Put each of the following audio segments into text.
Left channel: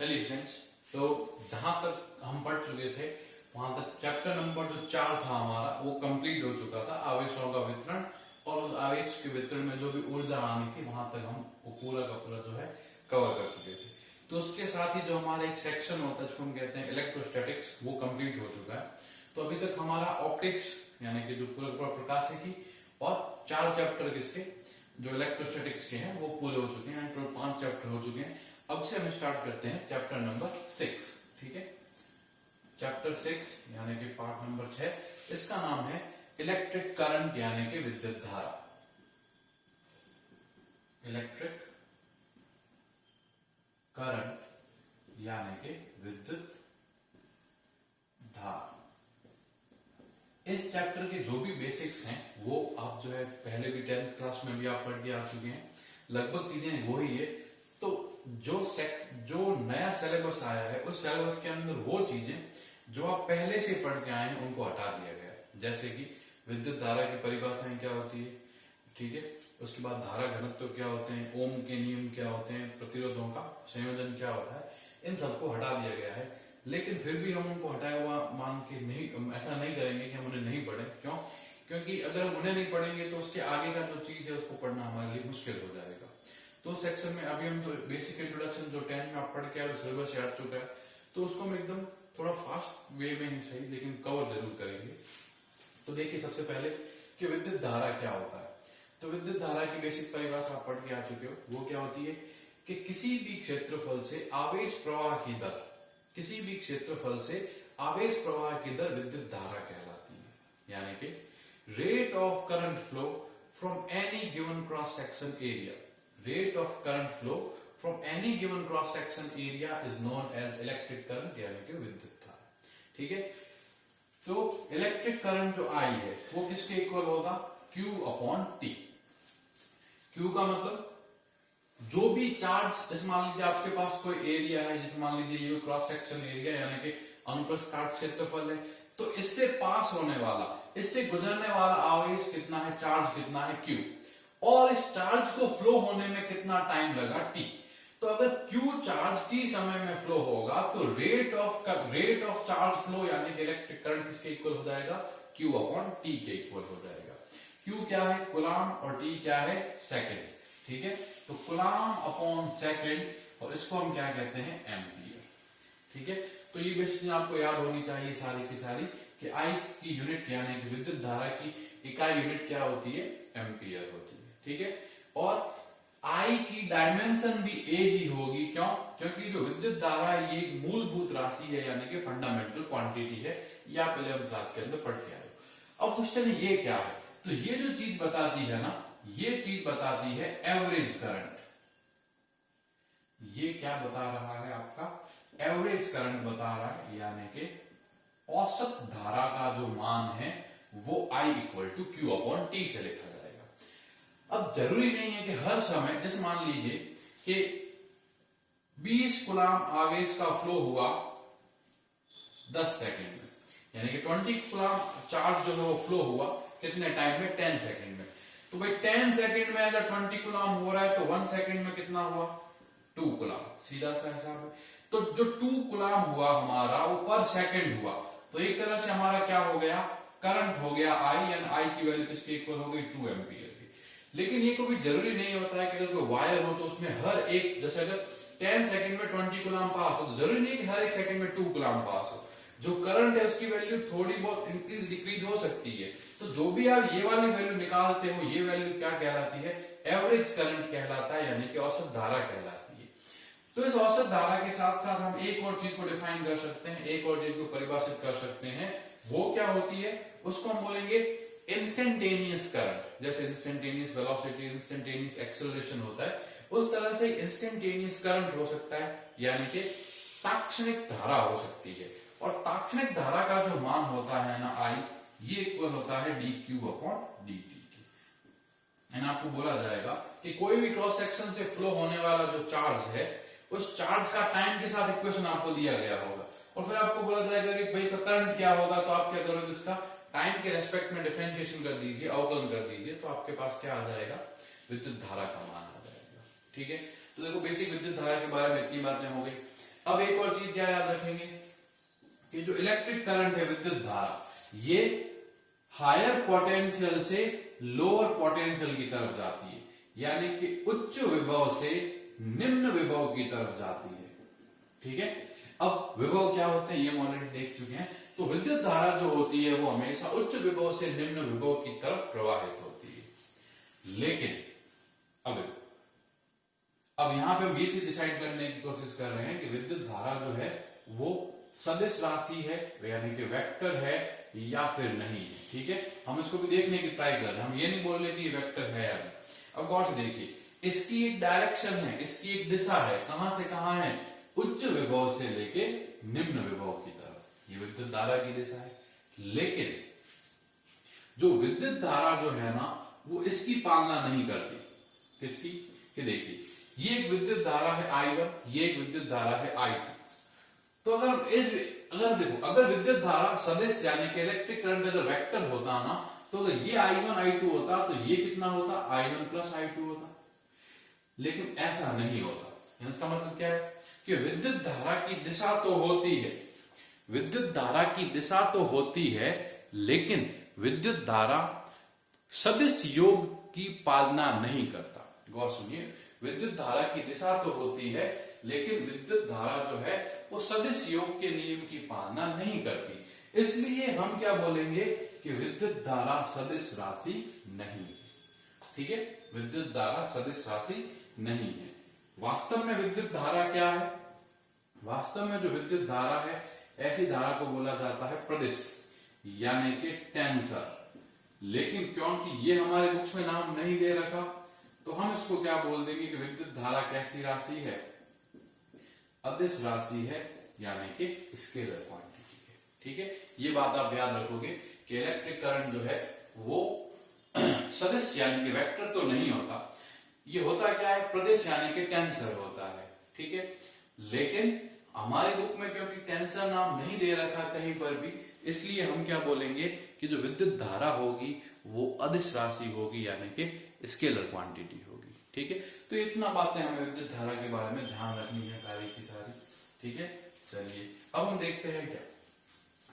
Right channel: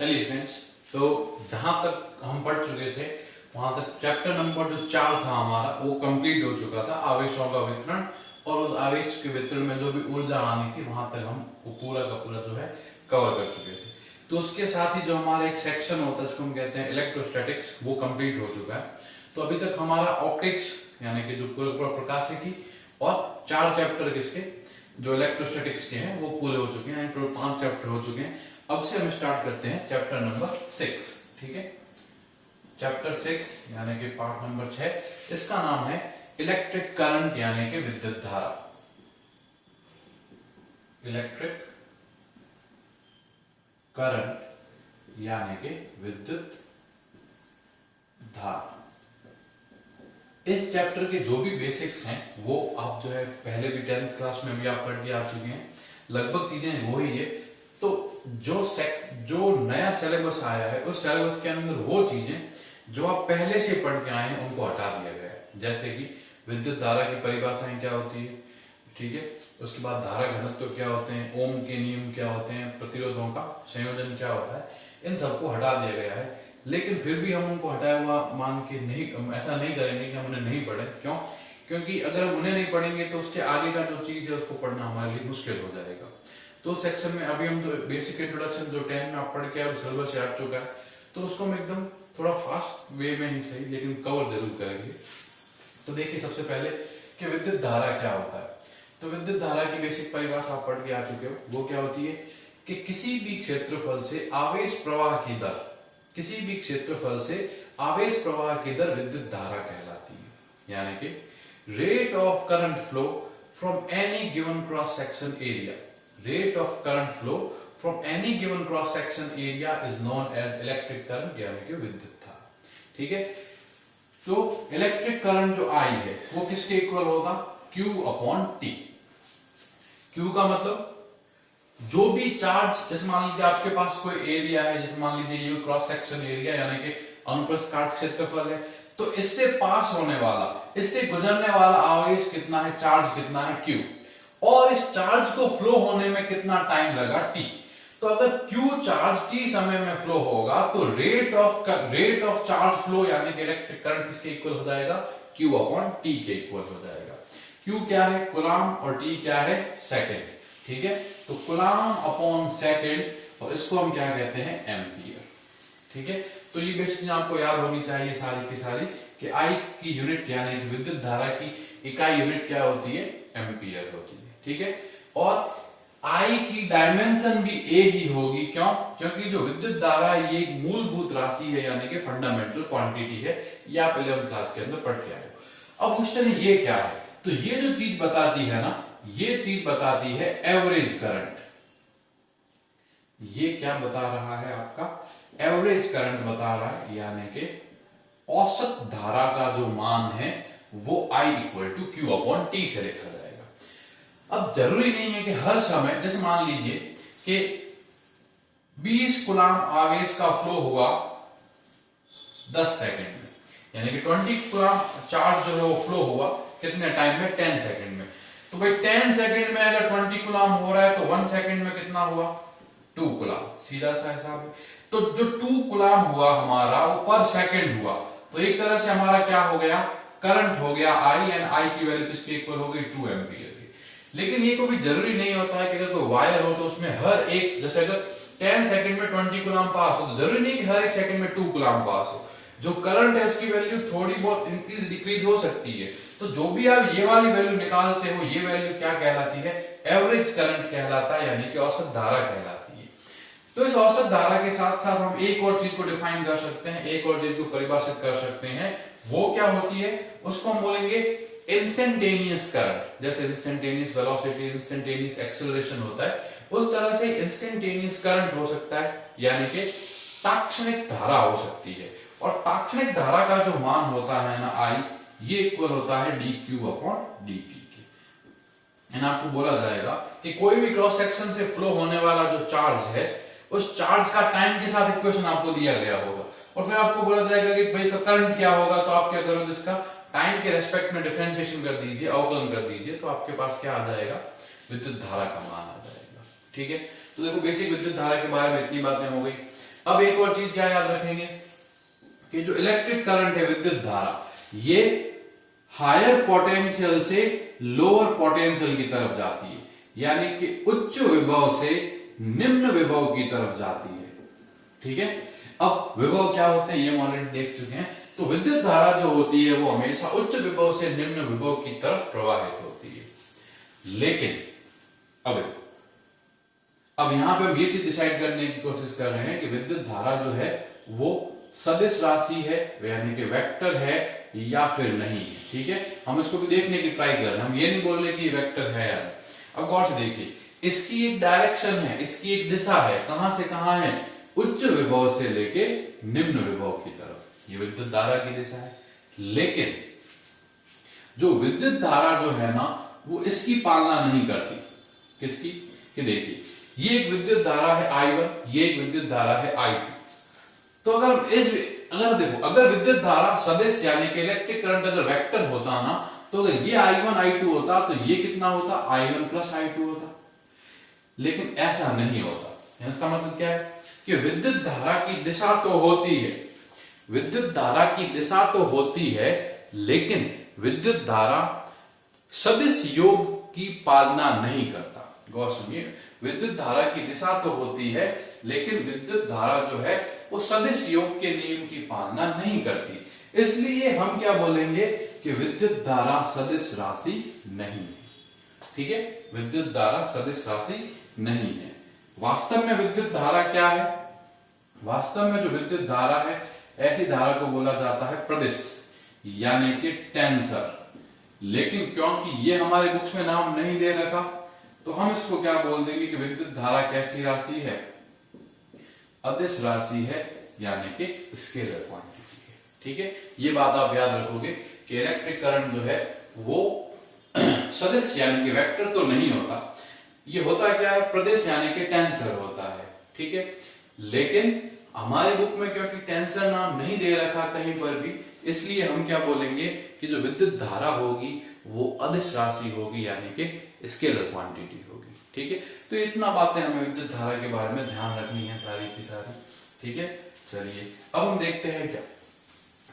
चलिए फ्रेंड्स, तो जहां तक हम पढ़ चुके थे वहां तक चैप्टर नंबर जो 4 था हमारा वो कंप्लीट हो चुका था, आवेशों का वितरण। और उस आवेश के वितरण में जो भी ऊर्जा आनी थी वहां तक हम वो पूरा का पूरा जो है कवर कर चुके थे। तो उसके साथ ही जो हमारा एक सेक्शन होता है जिसको हम कहते हैं इलेक्ट्रोस्टैटिक्स, वो कंप्लीट हो चुका है। तो अभी तक हमारा ऑप्टिक्स यानी कि जो पूरा प्रकाशिकी और 4 चैप्टर किसके जो इलेक्ट्रोस्टैटिक्स के हैं वो पूरे हो चुके हैं, टोटल 5 चैप्टर हो चुके हैं। अब से हम स्टार्ट करते हैं चैप्टर नंबर 6। ठीक है, चैप्टर 6 यानी कि पार्ट नंबर 6, इसका नाम है इलेक्ट्रिक करंट यानी कि विद्युत धारा। इलेक्ट्रिक करंट यानी कि विद्युत धारा। इस चैप्टर के जो भी बेसिक्स हैं वो आप जो है पहले भी 10th क्लास में भी आप पढ़ के आ चुके हैं, लगभग चीजें वो ही है। तो जो नया सिलेबस आया है उस सिलेबस के अंदर वो चीजें जो आप पहले से पढ़ के आए हैं उनको हटा दिया गया है। जैसे कि विद्युत धारा की परिभाषाएं क्या होती है, ठीक है, उसके बाद धारा घनत्व क्या होते हैं, ओम के नियम क्या होते हैं, प्रतिरोधों का संयोजन क्या होता है, इन सबको हटा दिया गया है। लेकिन फिर भी हम उनको हटाया हुआ मान के नहीं, ऐसा नहीं करेंगे कि हम उन्हें नहीं पढ़े। क्यों? क्योंकि अगर हम उन्हें नहीं पढ़ेंगे तो उसके आगे का जो चीज है उसको पढ़ना हमारे लिए मुश्किल हो जाएगा। तो सेक्शन में अभी हम जो बेसिक इंट्रोडक्शन जो 10 में आप पढ़ के सिलेबस से हट चुका है, तो उसको हम एकदम थोड़ा फास्ट वे में ही सही लेकिन कवर जरूर करेंगे। तो देखिए सबसे पहले कि विद्युत धारा क्या होता है। तो विद्युत धारा की बेसिक परिभाषा आप पढ़ के आ चुके हो। वो क्या होती है कि किसी भी क्षेत्रफल से आवेश प्रवाह की दर, किसी भी क्षेत्रफल से आवेश प्रवाह की दर विद्युत धारा कहलाती है। यानी कि rate of current flow from any given cross section area, rate of current flow from any given cross section area is known as electric current यानी कि विद्युत धारा। ठीक है, तो इलेक्ट्रिक करंट जो आई है वो किसके इक्वल होगा, Q अपॉन T। Q का मतलब जो भी चार्ज, जैसे मान लीजिए आपके पास कोई एरिया है, जैसे मान लीजिए ये क्रॉस सेक्शन एरिया यानी कि अनुप्रस्थ काट क्षेत्रफल है, तो इससे पास होने वाला, इससे गुजरने वाला आवेश कितना है, चार्ज कितना है Q, और इस चार्ज को फ्लो होने में कितना टाइम लगा T। तो अगर Q चार्ज T समय में फ्लो होगा तो रेट ऑफ चार्ज फ्लो यानी कि इलेक्ट्रिक करंट किसके इक्वल हो जाएगा, Q अपॉन T के इक्वल हो जाएगा। Q क्या है, कूलाम, और T क्या है, सेकेंड। ठीक है, तो कूलाम अपॉन सेकेंड, और इसको हम क्या कहते हैं, एम्पियर। ठीक है, तो ये बेसिक चीज आपको याद होनी चाहिए सारी की सारी कि आई की यूनिट यानी कि विद्युत धारा की इकाई यूनिट क्या होती है, एम्पियर होती है। ठीक है, और आई की डायमेंशन भी ए ही होगी। क्यों? क्योंकि जो विद्युत धारा ये एक मूलभूत राशि है यानी कि फंडामेंटल क्वांटिटी है, ये आप 11th क्लास के अंदर पढ़ के आए हो। अब क्वेश्चन ये क्या है, तो ये जो चीज बताती है ना, ये चीज बताती है एवरेज करंट। ये क्या बता रहा है, आपका एवरेज करंट बता रहा है, यानी कि औसत धारा का जो मान है वो I equal to Q upon T से लिखा जाएगा। अब जरूरी नहीं है कि हर समय, जैसे मान लीजिए कि 20 कूलाम आवेश का फ्लो हुआ 10 सेकंड में, यानी कि 20 कूलाम चार्ज जो है वो फ्लो हुआ कितने टाइम में, 10 सेकंड में। तो भाई 10 सेकंड में अगर 20 कूलाम हो रहा है तो 1 सेकंड में कितना हुआ, 2 कूलाम, सीधा सा हिसाब है। तो जो 2 कूलाम हुआ हमारा वो पर सेकंड हुआ, तो एक तरह से हमारा क्या हो गया, करंट हो गया I, एंड I की वैल्यू किसके इक्वल हो गई, 2 एम्पियर की। लेकिन ये कभी जरूरी नहीं होता है कि अगर कोई वायर हो तो उसमें हर एक, जैसे अगर 10 सेकंड में 20 कूलाम पास हो तो जरूरी नहीं कि हर एक सेकंड में 2 कूलाम पास हो। जो करंट है उसकी वैल्यू थोड़ी बहुत इंक्रीज डिक्रीज हो सकती है। तो जो भी आप ये वाली वैल्यू निकालते हो, ये वैल्यू क्या कहलाती है, एवरेज करंट कहलाता है, यानी कि औसत धारा कहलाती है। तो इस औसत धारा के साथ साथ हम एक और चीज को डिफाइन कर सकते हैं, एक और चीज को परिभाषित कर सकते हैं। वो क्या होती है, उसको हम बोलेंगे इंस्टेंटेनियस करंट। जैसे इंस्टेंटेनियस वेलोसिटी, इंस्टेंटेनियस एक्सेलरेशन होता है, उस तरह से इंस्टेंटेनियस करंट हो सकता है, यानी कि तात्क्षणिक धारा हो सकती है। और तात्क्षणिक धारा का जो मान होता है ना I, ये इक्वल होता है dQ अपॉन dt के। एंड आपको बोला जाएगा कि कोई भी क्रॉस सेक्शन से फ्लो होने वाला जो चार्ज है, उस चार्ज का टाइम के साथ इक्वेशन आपको दिया गया होगा, और फिर आपको बोला जाएगा कि भाई इसका करंट क्या होगा। तो आप क्या करोगे, इसका टाइम के रेस्पेक्ट में डिफरेंशिएशन कर दीजिए, अवकलन कर दीजिए, तो आपके पास क्या आ जाएगा, विद्युत धारा का मान आ जाएगा। ठीक है, तो देखो बेसिक विद्युत धारा के बारे में इतनी बातें हो गई। अब एक और चीज क्या याद रखेंगे कि जो इलेक्ट्रिक करंट है, विद्युत धारा, ये हायर पोटेंशियल से लोअर पोटेंशियल की तरफ जाती है, यानी कि उच्च विभव से निम्न विभव की तरफ जाती है। ठीक है, अब विभव क्या होते हैं ये हम ऑलरेडी देख चुके हैं। तो विद्युत धारा जो होती है वो हमेशा उच्च विभव से निम्न विभव की तरफ प्रवाहित होती है। लेकिन अब यहां पे हम ये चीज डिसाइड करने की कोशिश कर रहे हैं कि विद्युत धारा जो है वो सदिश राशि है, यानी कि वेक्टर है या फिर नहीं है। ठीक है, हम इसको भी देखने की ट्राई कर रहे हैं, हम ये नहीं बोल रहे कि वेक्टर है या नहीं। अब गौर से देखिए, इसकी एक डायरेक्शन है, इसकी एक दिशा है, कहां से कहां है, उच्च विभव से लेके निम्न विभव की तरफ, ये विद्युत धारा की दिशा है। लेकिन जो विद्युत धारा जो है ना वो इसकी पालना नहीं करती। किसकी? कि देखिए, ये एक विद्युत धारा है I1, ये एक विद्युत धारा है I2। तो अगर विद्युत धारा सदिश यानी कि इलेक्ट्रिक करंट अगर वेक्टर होता ना, तो अगर ये I1 I2 होता तो ये कितना होता, I1 प्लस I2 होता। लेकिन ऐसा नहीं होता। इसका मतलब क्या है कि विद्युत धारा की दिशा तो होती है, विद्युत धारा की दिशा तो होती है, लेकिन विद्युत धारा सदिश योग की पालना नहीं करता। गौर सुनिए, विद्युत धारा की दिशा तो होती है, लेकिन विद्युत धारा जो है वो सदिश योग के नियम की पालना नहीं करती। इसलिए हम क्या बोलेंगे कि विद्युत धारा सदिश राशि नहीं है। ठीक है, विद्युत धारा सदिश राशि नहीं है। वास्तव में विद्युत धारा क्या है? वास्तव में जो विद्युत धारा है, ऐसी धारा को बोला जाता है प्रदिश, यानी कि टेंसर। लेकिन क्योंकि ये हमारे बुक्स में नाम नहीं दे रखा, तो हम इसको क्या बोल देंगे कि विद्युत धारा कैसी राशि है? अदिश राशि है, यानी कि स्केलर क्वांटिटी है। ठीक है, ये बात आप याद रखोगे कि इलेक्ट्रिक करंट जो है वो सदिश यानी कि वेक्टर तो नहीं होता, ये होता क्या है, प्रदिश यानी कि टेंसर होता है। ठीक है, लेकिन हमारे बुक में क्योंकि टेंसर नाम नहीं दे रखा कहीं पर भी, इसलिए हम क्या बोलेंगे कि जो विद्युत धारा होगी वो अदिश राशि होगी, यानी कि स्केलर क्वांटिटी होगी। ठीक है, तो इतना बातें हमें विद्युत धारा के बारे में ध्यान रखनी है सारी की सारी। ठीक है, चलिए अब हम देखते हैं क्या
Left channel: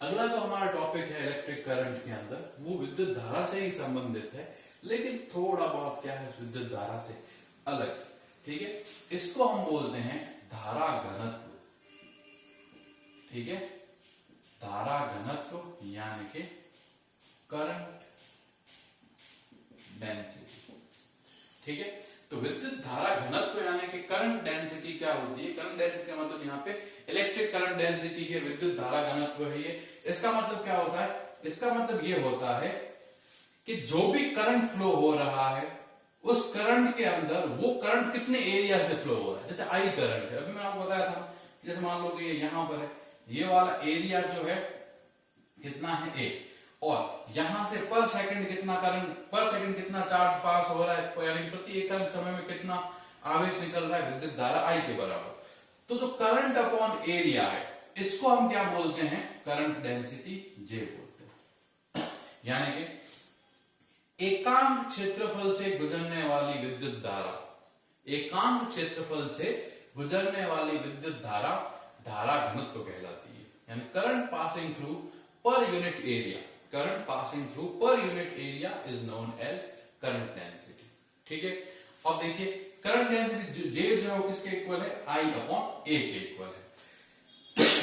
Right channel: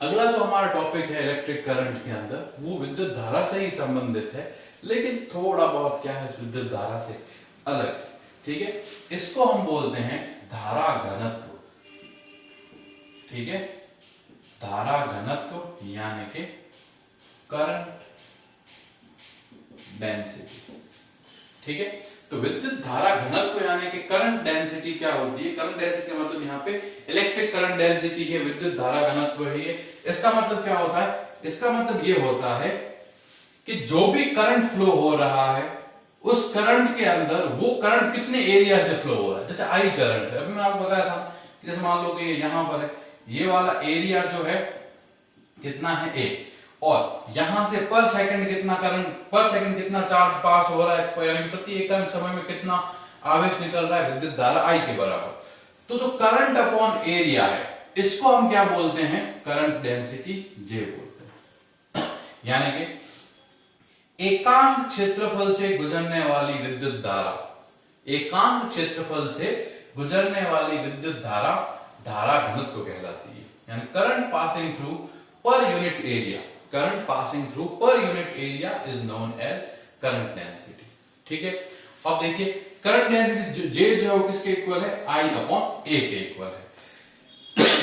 अगला जो हमारा टॉपिक है इलेक्ट्रिक करंट के अंदर, वो विद्युत धारा से ही संबंधित है, लेकिन थोड़ा बहुत क्या है विद्युत धारा से अलग। ठीक है, इसको हम बोलते हैं धारा घनत्व। ठीक है, धारा घनत्व यानी कि करंट डेंसिटी। ठीक है, तो विद्युत धारा घनत्व यानी कि करंट डेंसिटी क्या होती है? करंट डेंसिटी मतलब यहाँ पे इलेक्ट्रिक करंट डेंसिटी है, विद्युत धारा घनत्व है। इसका मतलब क्या होता है? इसका मतलब ये होता है कि जो भी करंट फ्लो हो रहा है उस करंट के अंदर वो करंट कितने एरिया से फ्लो हो रहा है। जैसे आई करंट है, अभी मैं आपको बताया था, जैसे मान लो कि ये यहां पर है, ये वाला एरिया जो है कितना है A, और यहां से पर सेकंड कितना करंट, पर सेकंड कितना चार्ज पास हो रहा है, यानी कि प्रति इकाई समय में कितना आवेश निकल रहा है, विद्युत धारा I के बराबर। तो जो करंट अपॉन एरिया है इसको हम क्या बोलते हैं? करंट डेंसिटी J बोलते हैं। यानी कि एकांक क्षेत्रफल से गुजरने वाली विद्युत धारा, एकांक क्षेत्रफल से गुजरने वाली विद्युत धारा धारा घनत्व कहलाती है। यानी current passing through per unit area, current passing through per unit area is known as current density. ठीक है, अब देखिए करंट डेंसिटी J जो है किसके इक्वल है? I अपॉन A के इक्वल है।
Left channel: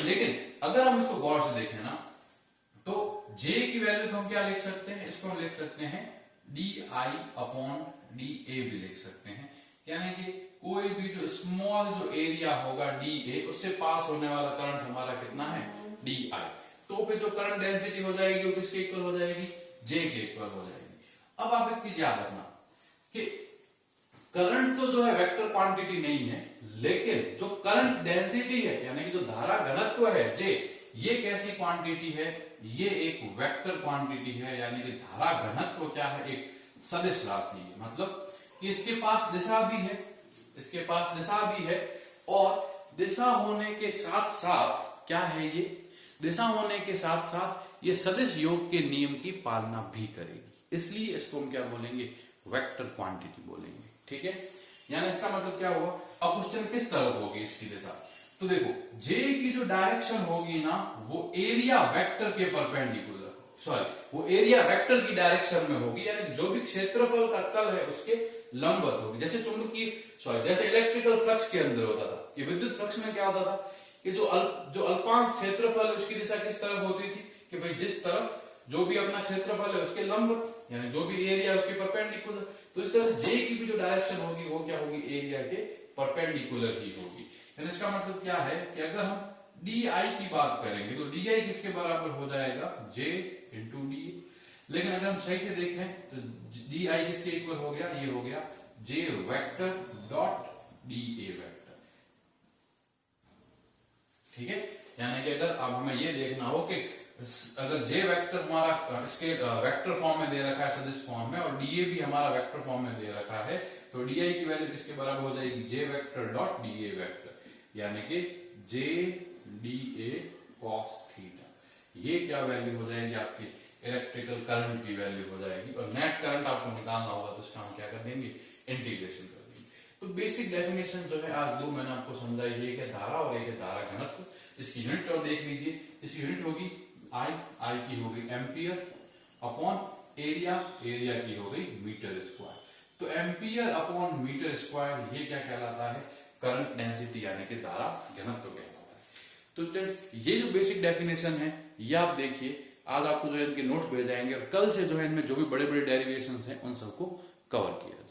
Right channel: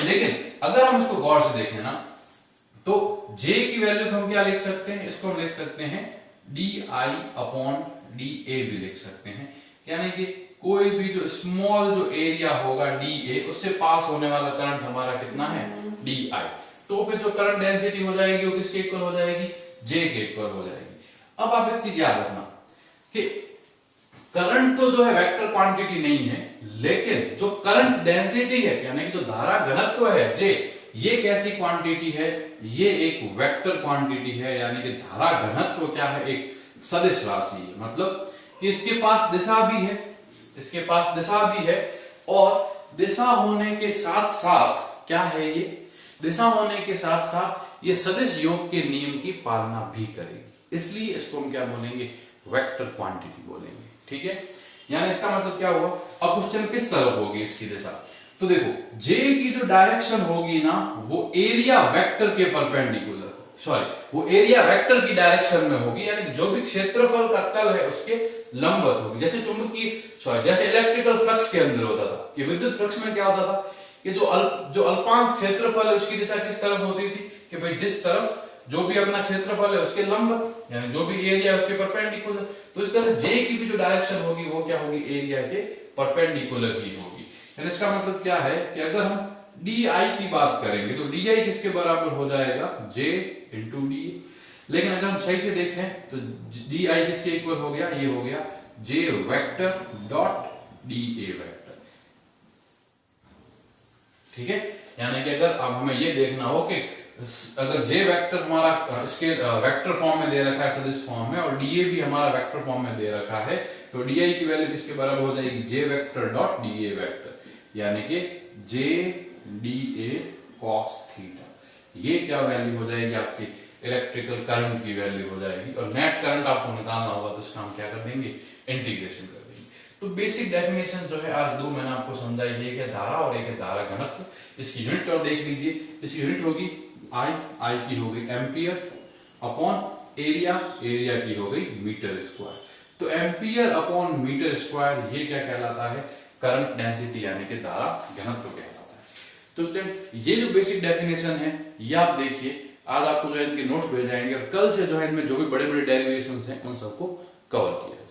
लेकिन अगर हम इसको गौर से देखें ना, तो J की वैल्यू हम क्या लिख सकते हैं? इसको हम लिख सकते हैं DI अपॉन DA भी लिख सकते हैं। यानी कि कोई भी जो स्मॉल जो एरिया होगा DA, उससे पास होने वाला करंट हमारा कितना है? DI। तो फिर जो करंट डेंसिटी हो जाएगी वो किसके इक्वल हो जाएगी? J के इक्वल हो जाएगी। अब आप एक चीज याद रखना कि करंट तो जो है वेक्टर क्वांटिटी नहीं है, लेकिन जो करंट डेंसिटी है यानी कि जो धारा घनत्व है J, ये कैसी क्वांटिटी है? ये एक वेक्टर क्वांटिटी है, यानी कि धारा घनत्व क्या है? एक सदिश राशि है। मतलब कि इसके पास दिशा भी है, इसके पास दिशा भी है, और दिशा होने के साथ साथ क्या है? ये दिशा होने के साथ साथ ये सदिश योग के नियम की पालना भी करेगी। इसलिए इसको हम क्या बोलेंगे? वेक्टर क्वांटिटी बोलेंगे। ठीक है, यानी इसका मतलब क्या हुआ? अब क्वेश्चन किस तरफ होगी इसकी दिशा? तो देखो जे की जो डायरेक्शन होगी ना वो एरिया वेक्टर के परपेंडिकुलर, सॉरी वो एरिया वेक्टर की डायरेक्शन में होगी, यानी जो भी क्षेत्रफल का तल है उसके लंबवत होगी। जैसे चुंबकीय सॉरी जैसे इलेक्ट्रिकल फ्लक्स के अंदर होता था कि विद्युत फ्लक्स में क्या होता था कि जो अल्पांश क्षेत्रफल है उसकी दिशा किस तरफ होती थी कि भाई जिस तरफ जो भी अपना क्षेत्रफल है उसके लंबवत, यानी जो भी एरिया है उसके परपेंडिकुलर। तो इस तरह से जे की भी जो डायरेक्शन होगी वो क्या होगी, एरिया के परपेंडिकुलर ही होगी। यानी इसका मतलब क्या है कि अगर हम डी आई की बात करेंगे तो डी आई किसके बराबर हो जाएगा, जे इंटू डी। लेकिन अगर हम सही से देखें तो डी आई किसके इक्वल हो गया, ये हो गया J vector dot D A vector. ठीक है, यानी कि अगर अब हमें ये देखना हो कि अगर जे वेक्टर हमारा इसके वेक्टर फॉर्म में दे रखा है, सदिश फॉर्म में, और डीए भी हमारा वेक्टर फॉर्म में दे रखा है, तो डीआई की वैल्यू किसके बराबर हो जाएगी, जे वेक्टर डॉट डीए वेक्टर, यानी कि जे डी ए कॉस थीटा। ये क्या वैल्यू हो जाएगी आपकी इलेक्ट्रिकल करंट की वैल्यू हो जाएगी। और नेट करंट आपको निकालना होगा तो इसका हम क्या कर देंगे, इंटीग्रेशन कर देंगे। तो बेसिक डेफिनेशन जो है आज दो मैंने आपको समझाई, एक है धारा और एक है धारा घनत्व। इसकी यूनिट और देख लीजिए, इसकी यूनिट होगी आई की हो गई एम्पियर अपॉन एरिया, एरिया की हो गई मीटर स्क्वायर। तो एम्पियर अपॉन मीटर स्क्वायर ये क्या कहलाता है, करंट डेंसिटी यानी कि धारा घनत्व कहलाता है। तो स्टूडेंट ये जो बेसिक डेफिनेशन है ये आप देखिए, आज आपको जो है इनके नोट्स भेज जाएंगे और कल से जो है इनमें जो भी बड़े बड़े डेरिवेशंस हैं उन सबको कवर किया